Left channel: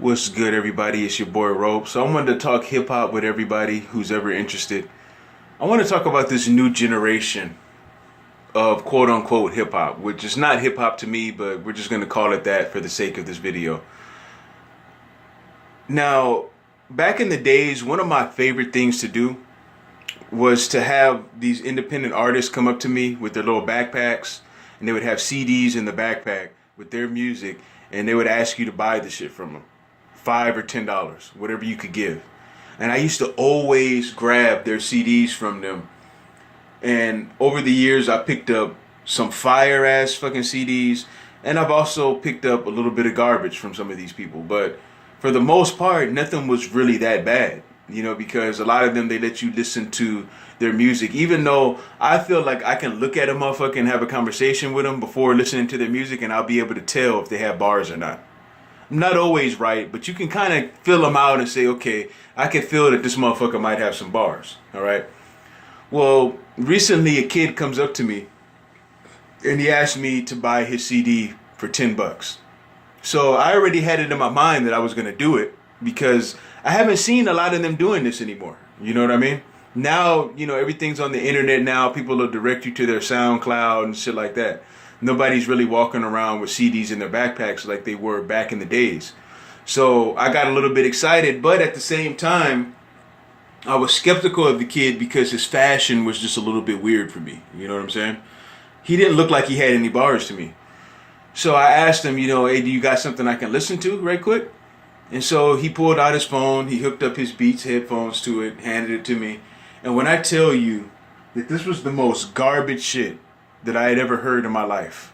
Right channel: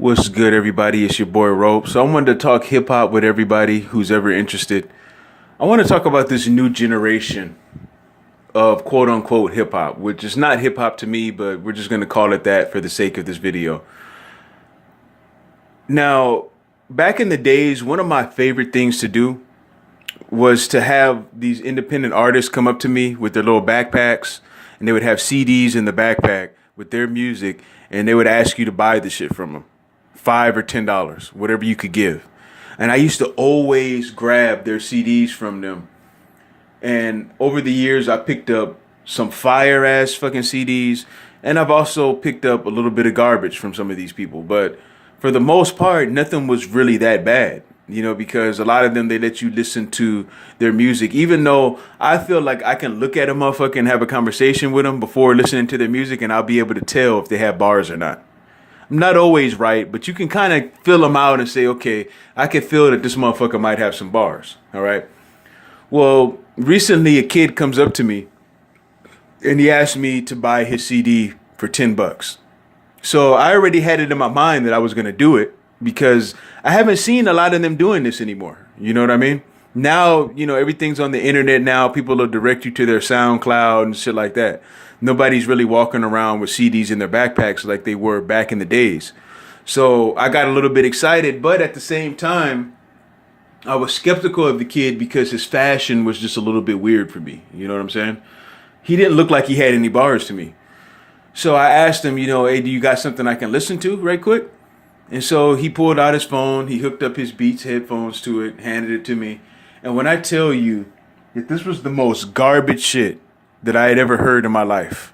What's good, everybody? It's your boy Rope. So I wanted to talk hip hop with everybody who's ever interested. I want to talk about this new generation of quote unquote hip hop, which is not hip hop to me, but we're just going to call it that for the sake of this video. Now, back in the days, one of my favorite things to do was to have these independent artists come up to me with their little backpacks, and they would have CDs in the backpack with their music, and they would ask you to buy the shit from them. $5 or $10, whatever you could give. And I used to always grab their CDs from them. And over the years, I picked up some fire ass fucking CDs. And I've also picked up a little bit of garbage from some of these people. But for the most part, nothing was really that bad. Because a lot of them, they let you listen to their music. Even though I feel like I can look at a motherfucker and have a conversation with them before listening to their music. And I'll be able to tell if they have bars or not. I'm not always right, but you can kind of fill them out and say, okay, I can feel that this motherfucker might have some bars. All right. Well, recently a kid comes up to me and he asked me to buy his CD for $10. So I already had it in my mind that I was going to do it because I haven't seen a lot of them doing this anymore. You know what I mean? Now, everything's on the internet now. People will direct you to their SoundCloud and shit like that. Nobody's really walking around with CDs in their backpacks like they were back in the days. So I got a little bit excited, but at the same time, I was skeptical of the kid because his fashion was just a little bit weird for me. You know what I'm saying? He didn't look like he had any bars to me. So I asked him, hey, do you got something I can listen to right quick? And so he pulled out his phone, he hooked up his Beats headphones to it, handed it to me. And when I tell you that this was the most garbage shit that I had ever heard in my life,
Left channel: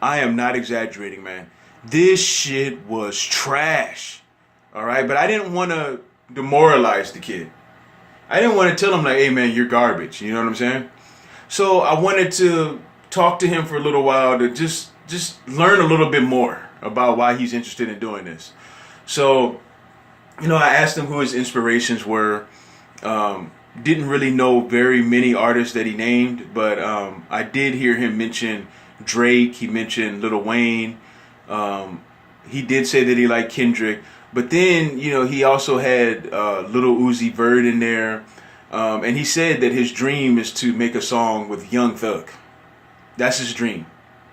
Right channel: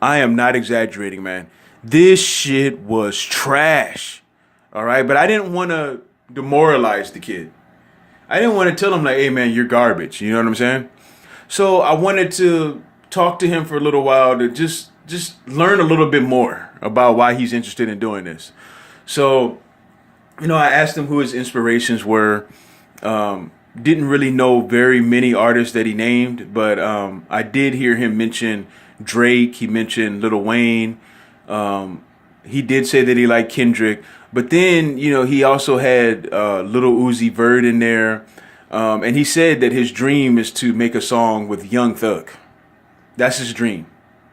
I am not exaggerating, man. This shit was trash. All right. But I didn't want to demoralize the kid. I didn't want to tell him like, hey, man, you're garbage. You know what I'm saying? So I wanted to talk to him for a little while to just learn a little bit more about why he's interested in doing this. So, I asked him who his inspirations were. Didn't really know very many artists that he named, but I did hear him mention Drake. He mentioned Lil Wayne. He did say that he liked Kendrick, but then he also had Lil Uzi Vert in there, and he said that his dream is to make a song with Young Thug. That's his dream.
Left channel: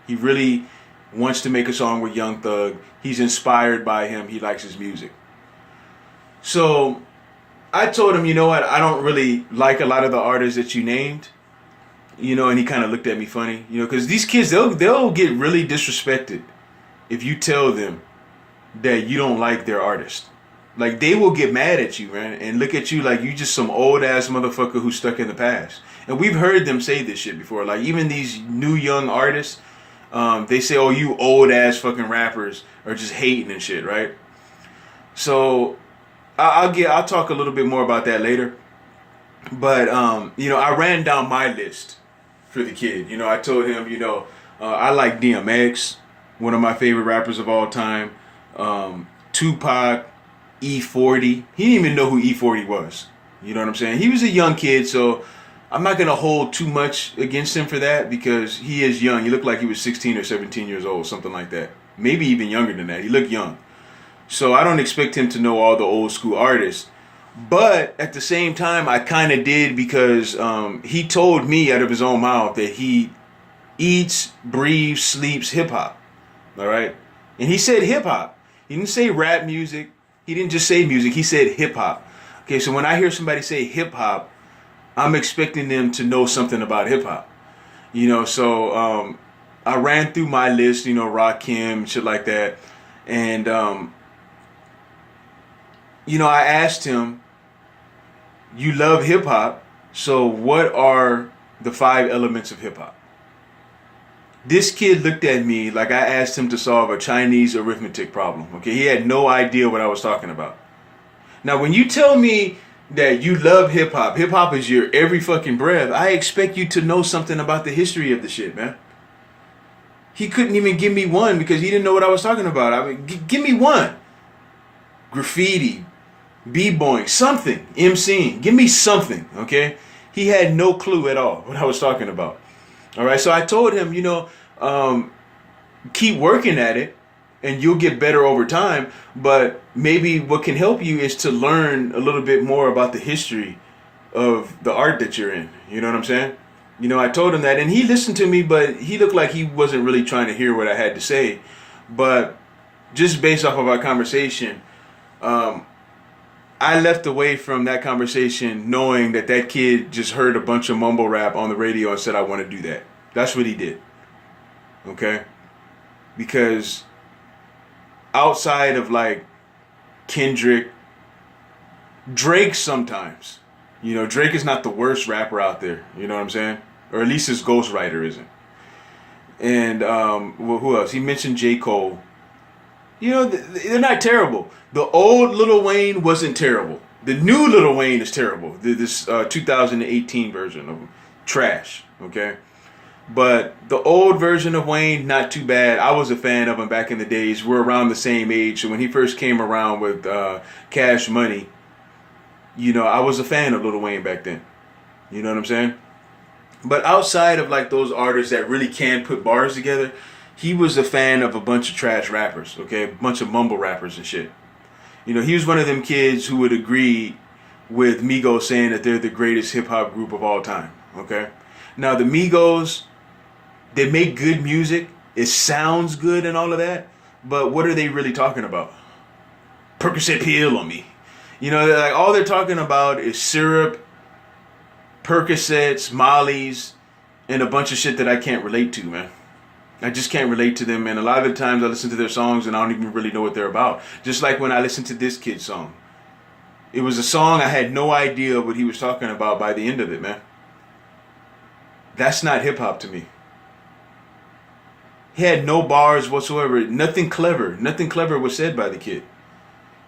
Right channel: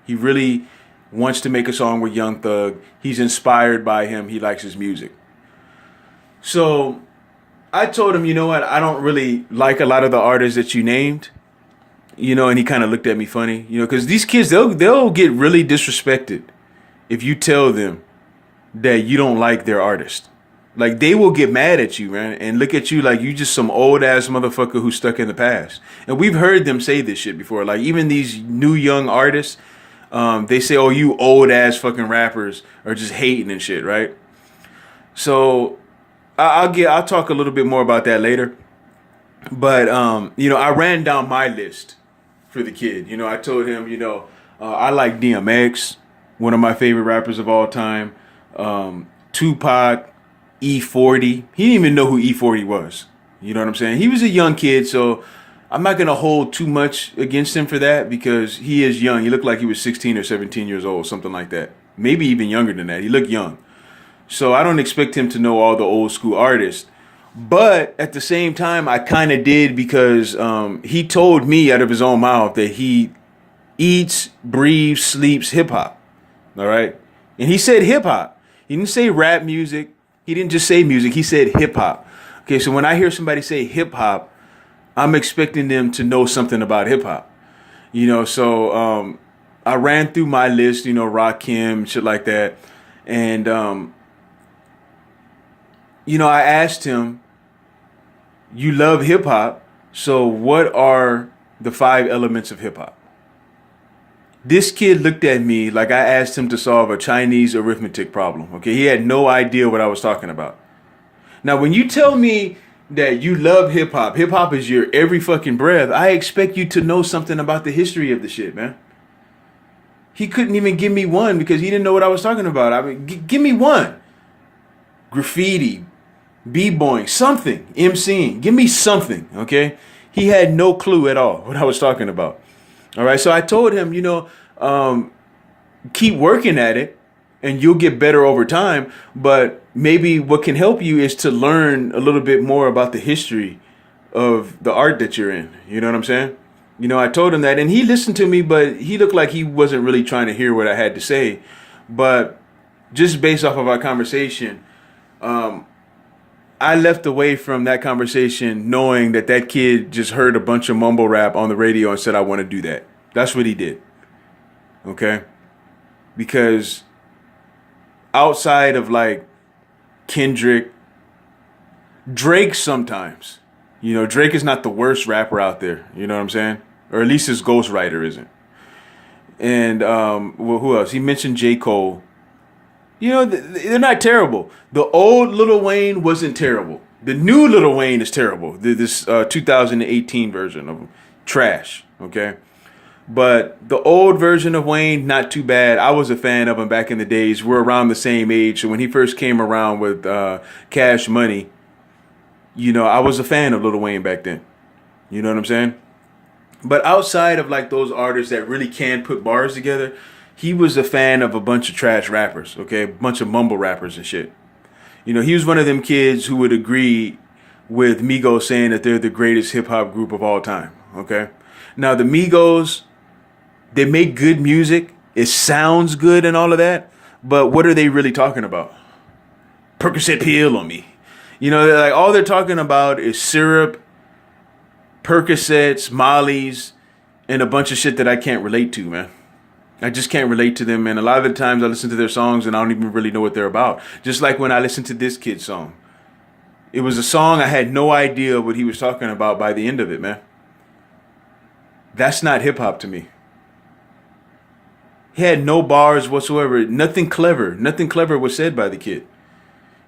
He really wants to make a song with Young Thug. He's inspired by him. He likes his music. So I told him, you know what, I don't really like a lot of the artists that you named, and he kind of looked at me funny, because these kids, they'll get really disrespected if you tell them that you don't like their artist. Like, they will get mad at you, man, and look at you like you just some old ass motherfucker who's stuck in the past. And we've heard them say this shit before. Like, even these new young artists, they say, oh, you old ass fucking rappers are just hating and shit, right? So I'll talk a little bit more about that later. But, I ran down my list for the kid. I told him, I like DMX, one of my favorite rappers of all time. Tupac, E40. He didn't even know who E40 was. You know what I'm saying? He was a young kid, so I'm not going to hold too much against him for that because he is young. He looked like he was 16 or 17 years old, something like that. Maybe even younger than that. He looked young. So I don't expect him to know all the old school artists. But at the same time, I kind of did because he told me out of his own mouth that he eats, breathes, sleeps hip hop. All right. And he said hip hop. He didn't say rap music. He didn't just say music. He said hip hop. Okay. So when I hear somebody say hip hop, I'm expecting them to know something about hip hop. So I ran through my list, Rakim, shit like that. And, I asked him, you love hip hop, so what are the 5 elements of hip hop? This kid looked at me like I asked him to solve a Chinese arithmetic problem. Okay, he had no idea what I was talking about. Now, when you tell me that you love hip hop is your every fucking breath, I expect you to know something about the history of the shit, man. He couldn't even give me one because he didn't know what I was talking about. I mean, give me one. Graffiti, b-boying, something, MCing. Give me something, okay? He had no clue at all what I was talking about. All right, so I told him, keep working at it, and you'll get better over time. But maybe what can help you is to learn a little bit more about the history of the art that you're in. You know what I'm saying? You know, I told him that, and he listened to me, but he looked like he wasn't really trying to hear what I had to say. But just based off of our conversation, I left away from that conversation knowing that that kid just heard a bunch of mumble rap on the radio and said, I want to do that. That's what he did. Okay? Because outside of like Kendrick, Drake sometimes, you know, Drake is not the worst rapper out there. You know what I'm saying? Or at least his ghostwriter isn't. And well, who else? He mentioned J. Cole. You know, they're not terrible. The old Lil Wayne wasn't terrible. The new Lil Wayne is terrible. This 2018 version of him, trash. Okay, but the old version of Wayne, not too bad. I was a fan of him back in the days. We're around the same age, so when he first came around with Cash Money, you know, I was a fan of Lil Wayne back then. You know what I'm saying? But outside of like those artists that really can put bars together, he was a fan of a bunch of trash rappers, okay? A bunch of mumble rappers and shit. You know, he was one of them kids who would agree with Migos saying that they're the greatest hip-hop group of all time, okay? Now, the Migos, they make good music. It sounds good and all of that, but what are they really talking about? Percocet pill on me. You know, like all they're talking about is syrup, Percocets, Mollies, and a bunch of shit that I can't relate to, man. I just can't relate to them, and a lot of the times I listen to their songs and I don't even really know what they're about. Just like when I listened to this kid's song. It was a song I had no idea what he was talking about by the end of it, man. That's not hip-hop to me. He had no bars whatsoever. Nothing clever. Nothing clever was said by the kid.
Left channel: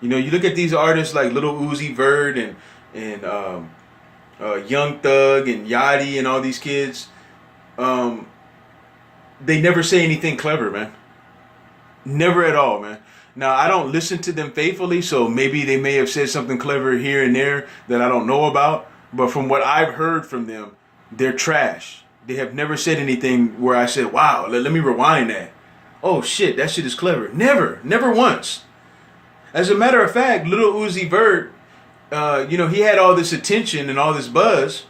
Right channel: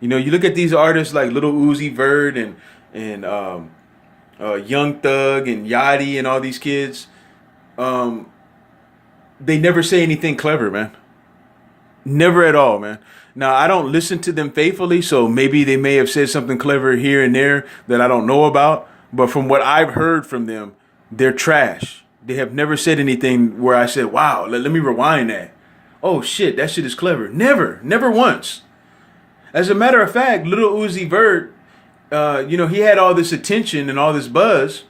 You know, you look at these artists like Lil Uzi Vert and Young Thug and Yachty and all these kids. They never say anything clever, man. Never at all, man. Now, I don't listen to them faithfully, so maybe they may have said something clever here and there that I don't know about. But from what I've heard from them, they're trash. They have never said anything where I said, wow, let me rewind that. Oh, shit, that shit is clever. Never. Never once. As a matter of fact, Lil Uzi Vert, you know, he had all this attention and all this buzz.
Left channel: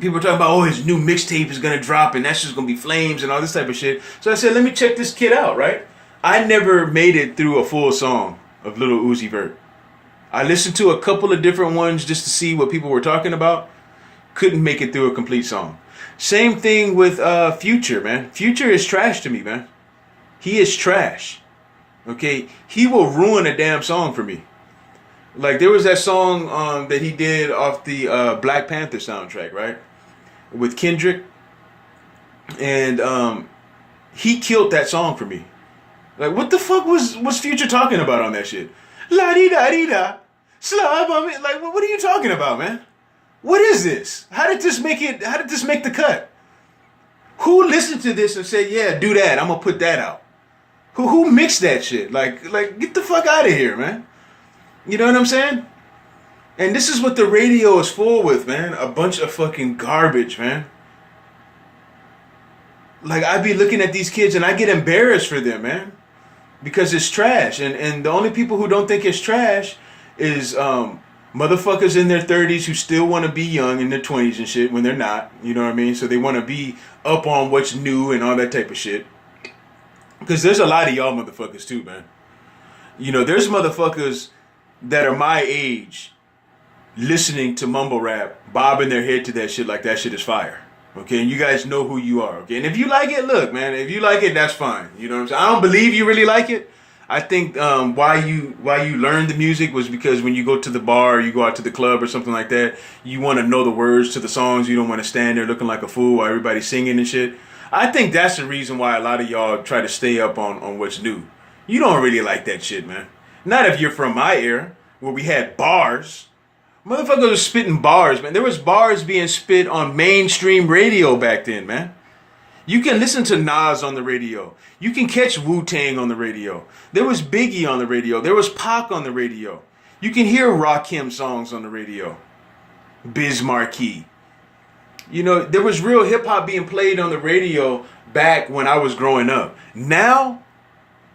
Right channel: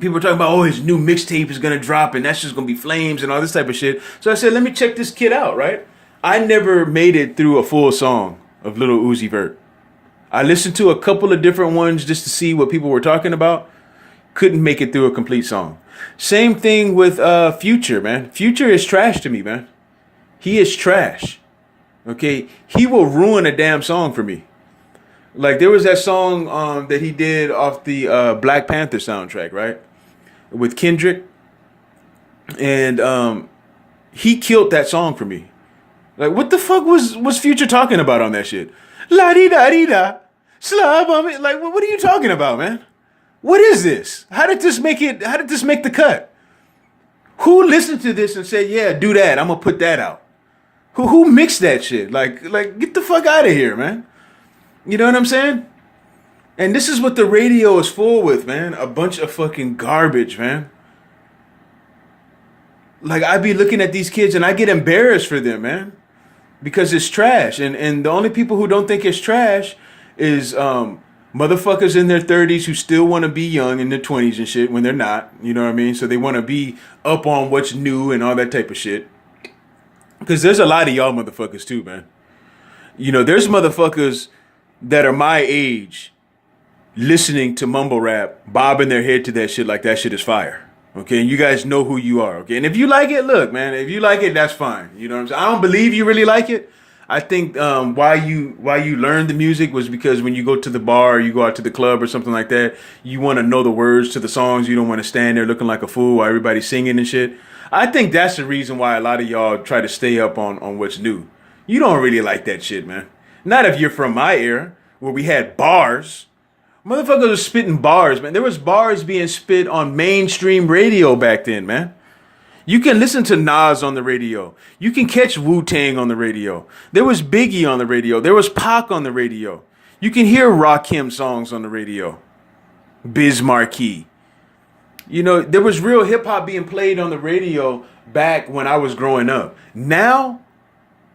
People were talking about, oh, his new mixtape is going to drop and that's just going to be flames and all this type of shit. So I said, let me check this kid out, right? I never made it through a full song of Lil Uzi Vert. I listened to a couple of different ones just to see what people were talking about. Couldn't make it through a complete song. Same thing with Future, man. Future is trash to me, man. He is trash. Okay? He will ruin a damn song for me. Like, there was that song that he did off the Black Panther soundtrack, right? With Kendrick. And he killed that song for me. Like, what the fuck was Future talking about on that shit? La-di-da-di-da. Slab on me. Like, what are you talking about, man? What is this? How did this make the cut? Who listened to this and said, yeah, do that. I'm going to put that out? Who mixed that shit? Like, get the fuck out of here, man. You know what I'm saying? And this is what the radio is full with, man. A bunch of fucking garbage, man. Like, I be looking at these kids and I get embarrassed for them, man. Because it's trash. And the only people who don't think it's trash is motherfuckers in their 30s who still want to be young in their 20s and shit when they're not. You know what I mean? So they want to be up on what's new and all that type of shit. Because there's a lot of y'all motherfuckers too, man. You know, there's motherfuckers that are my age listening to mumble rap, bobbing their head to that shit like that shit is fire. Okay, and you guys know who you are. Okay, and if you like it, look, man, if you like it, that's fine. You know what I'm saying? I don't believe you really like it. I think why you learned the music was because when you go to the bar or you go out to the club or something like that, you want to know the words to the songs. You don't want to stand there looking like a fool while everybody's singing and shit. I think that's the reason why a lot of y'all try to stay up on what's new. You don't really like that shit, man. Not if you're from my era where we had bars. Motherfuckers are spitting bars, man. There was bars being spit on mainstream radio back then, man. You can listen to Nas on the radio. You can catch Wu-Tang on the radio. There was Biggie on the radio. There was Pac on the radio. You can hear Rakim songs on the radio. Biz Markie. You know, there was real hip-hop being played on the radio back when I was growing up. Now,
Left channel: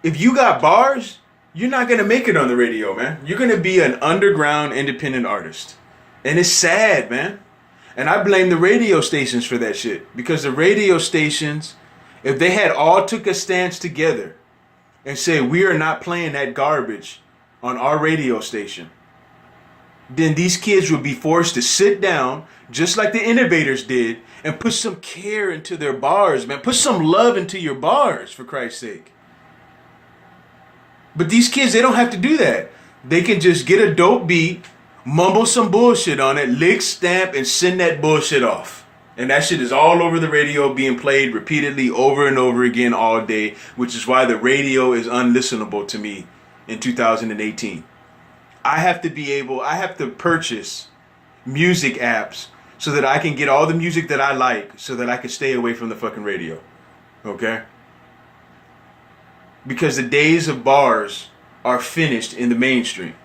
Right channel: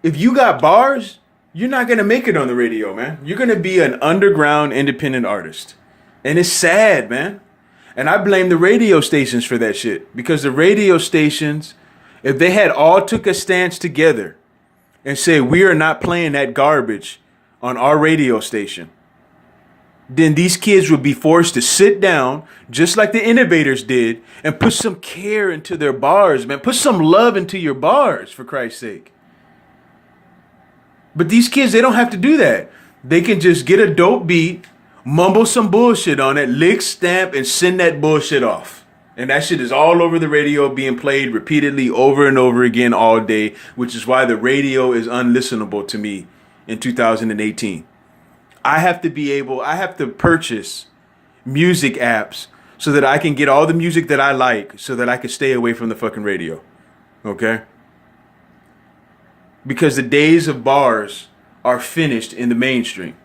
if you got bars, you're not gonna make it on the radio, man. You're gonna be an underground independent artist. And it's sad, man. And I blame the radio stations for that shit. Because the radio stations, if they had all took a stance together and say we are not playing that garbage on our radio station, then these kids would be forced to sit down, just like the innovators did, and put some care into their bars, man. Put some love into your bars, for Christ's sake. But these kids, they don't have to do that. They can just get a dope beat, mumble some bullshit on it, lick, stamp, and send that bullshit off. And that shit is all over the radio, being played repeatedly over and over again all day, which is why the radio is unlistenable to me in 2018. I have to purchase music apps so that I can get all the music that I like so that I can stay away from the fucking radio. Okay? Because the days of bars are finished in the mainstream.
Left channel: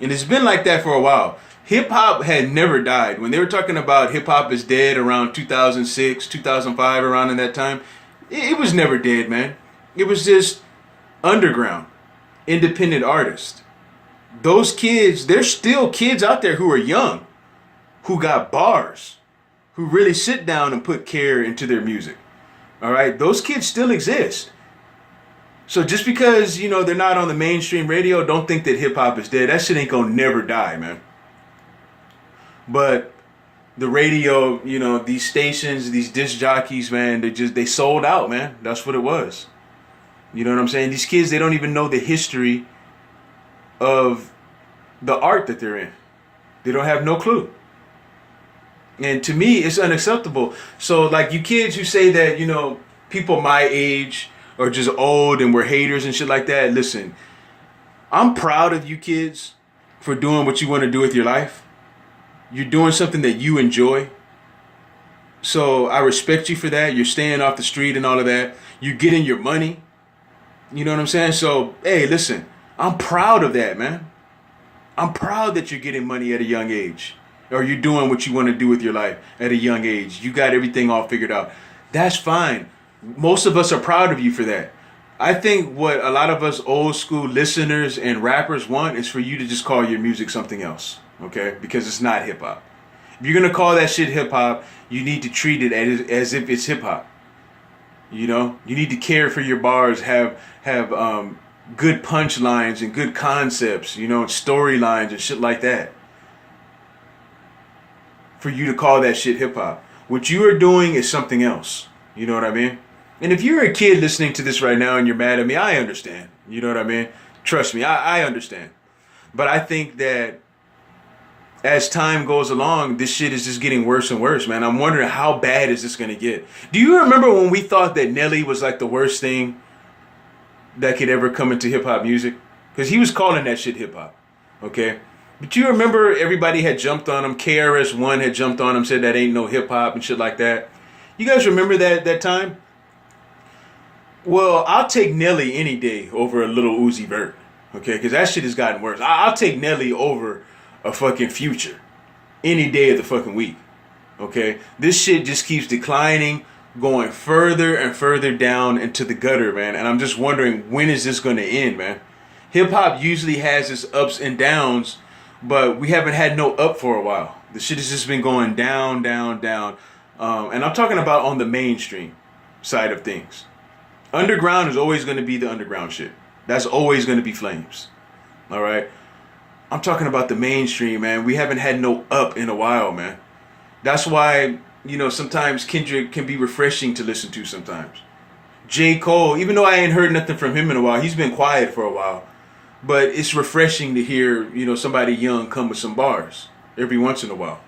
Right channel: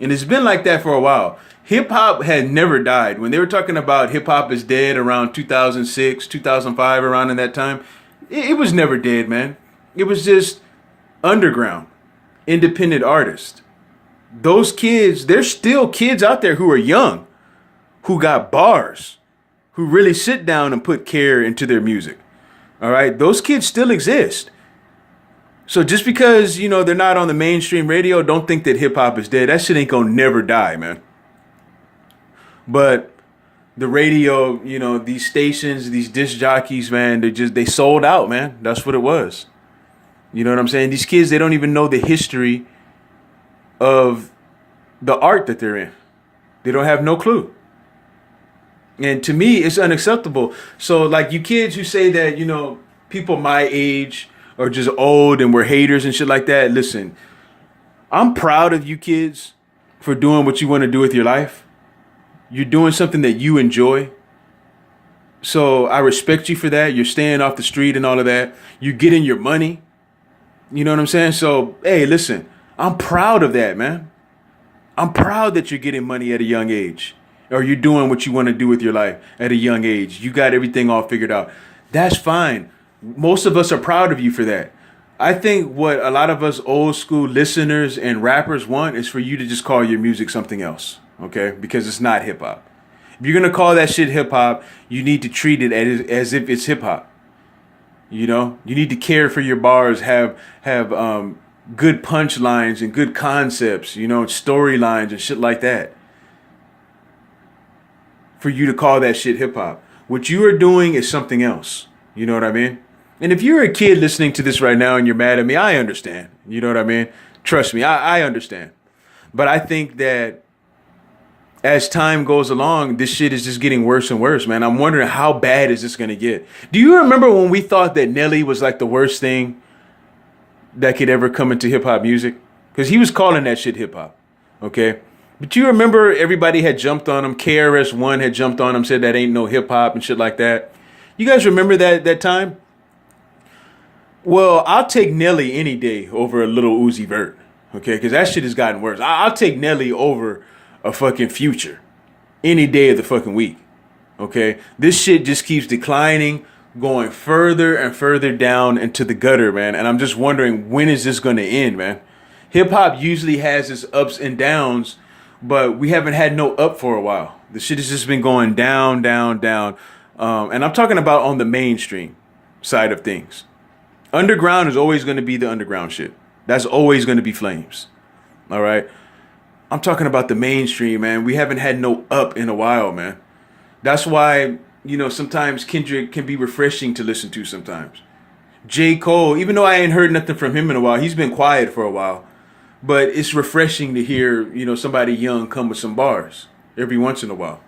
And it's been like that for a while. Hip hop had never died. When they were talking about hip hop is dead around 2006, 2005, around in that time, it was never dead, man. It was just underground, independent artists. Those kids, there's still kids out there who are young, who got bars, who really sit down and put care into their music. All right? Those kids still exist. So just because, they're not on the mainstream radio, don't think that hip hop is dead. That shit ain't gonna never die, man. But the radio, these stations, these disc jockeys, man, they sold out, man. That's what it was. You know what I'm saying? These kids, they don't even know the history of the art that they're in. They don't have no clue. And to me, it's unacceptable. So like you kids who say that, people my age are just old and we're haters and shit like that. Listen, I'm proud of you kids for doing what you want to do with your life. You're doing something that you enjoy. So I respect you for that. You're staying off the street and all of that. You're getting your money. You know what I'm saying? So, hey, listen, I'm proud of that, man. I'm proud that you're getting money at a young age. Or you're doing what you want to do with your life at a young age. You got everything all figured out. That's fine. Most of us are proud of you for that. I think what a lot of us old school listeners and rappers want is for you to just call your music something else. Okay? Because it's not hip hop. If you're going to call that shit hip hop, you need to treat it as if it's hip hop. You need to care for your bars, have good punchlines and good concepts, storylines and shit like that. For you to call that shit hip hop. What you are doing is something else. You know what I mean? And if you're a kid listening to this right now and you're mad at me, I understand. You know what I mean? Trust me, I understand. But I think that as time goes along, this shit is just getting worse and worse, man. I'm wondering how bad is this going to get? Do you remember when we thought that Nelly was like the worst thing that could ever come into hip hop music? Because he was calling that shit hip hop. Okay? But you remember everybody had jumped on him. KRS-One had jumped on him, said that ain't no hip hop and shit like that. You guys remember that time? Well, I'll take Nelly any day over a little Uzi Vert. Okay? Because that shit has gotten worse. I'll take Nelly over a fucking Future any day of the fucking week. Okay? This shit just keeps declining, going further and further down into the gutter, man. And I'm just wondering, when is this going to end, man? Hip hop usually has its ups and downs, but we haven't had no up for a while. The shit has just been going down, down, down. And I'm talking about on the mainstream side of things. Underground is always going to be the underground shit. That's always going to be flames. All right? I'm talking about the mainstream, man. We haven't had no up in a while, man. That's why, sometimes Kendrick can be refreshing to listen to sometimes. J. Cole, even though I ain't heard nothing from him in a while, he's been quiet for a while. But it's refreshing to hear, somebody young come with some bars every once in a while.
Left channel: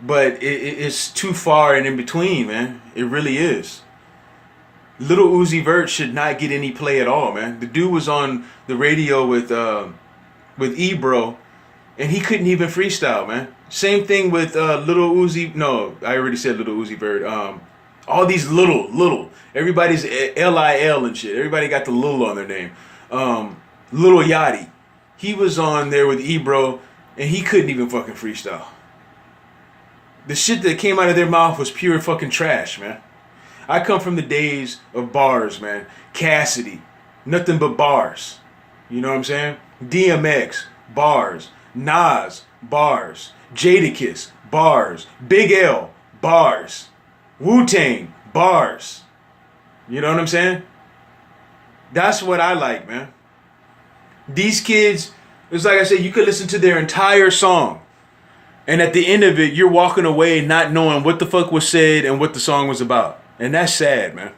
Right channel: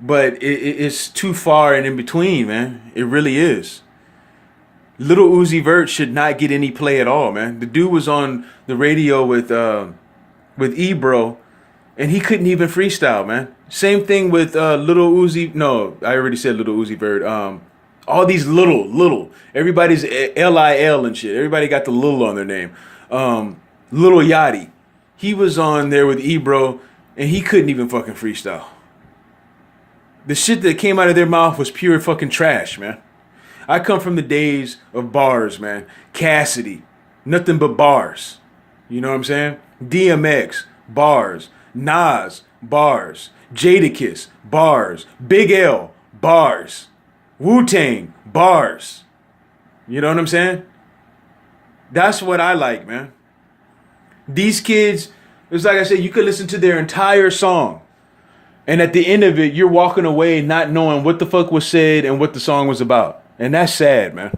But it's too far and in between, man. It really is. Little Uzi Vert should not get any play at all, man. The dude was on the radio with Ebro, and he couldn't even freestyle, man. Same thing with Little Uzi. No, I already said Little Uzi Vert. All these little. Everybody's Lil and shit. Everybody got the little on their name. Little Yachty. He was on there with Ebro, and he couldn't even fucking freestyle. The shit that came out of their mouth was pure fucking trash, man. I come from the days of bars, man. Cassidy, nothing but bars. You know what I'm saying? DMX, bars. Nas, bars. Jadakiss, bars. Big L, bars. Wu-Tang, bars. You know what I'm saying? That's what I like, man. These kids, it's like I said, you could listen to their entire song. And at the end of it, you're walking away not knowing what the fuck was said and what the song was about. And that's sad, man.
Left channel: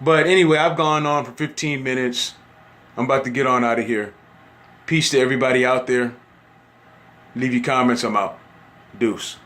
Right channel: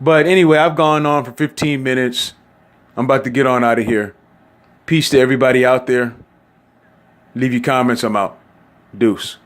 But anyway, I've gone on for 15 minutes. I'm about to get on out of here. Peace to everybody out there. Leave your comments. I'm out. Deuce.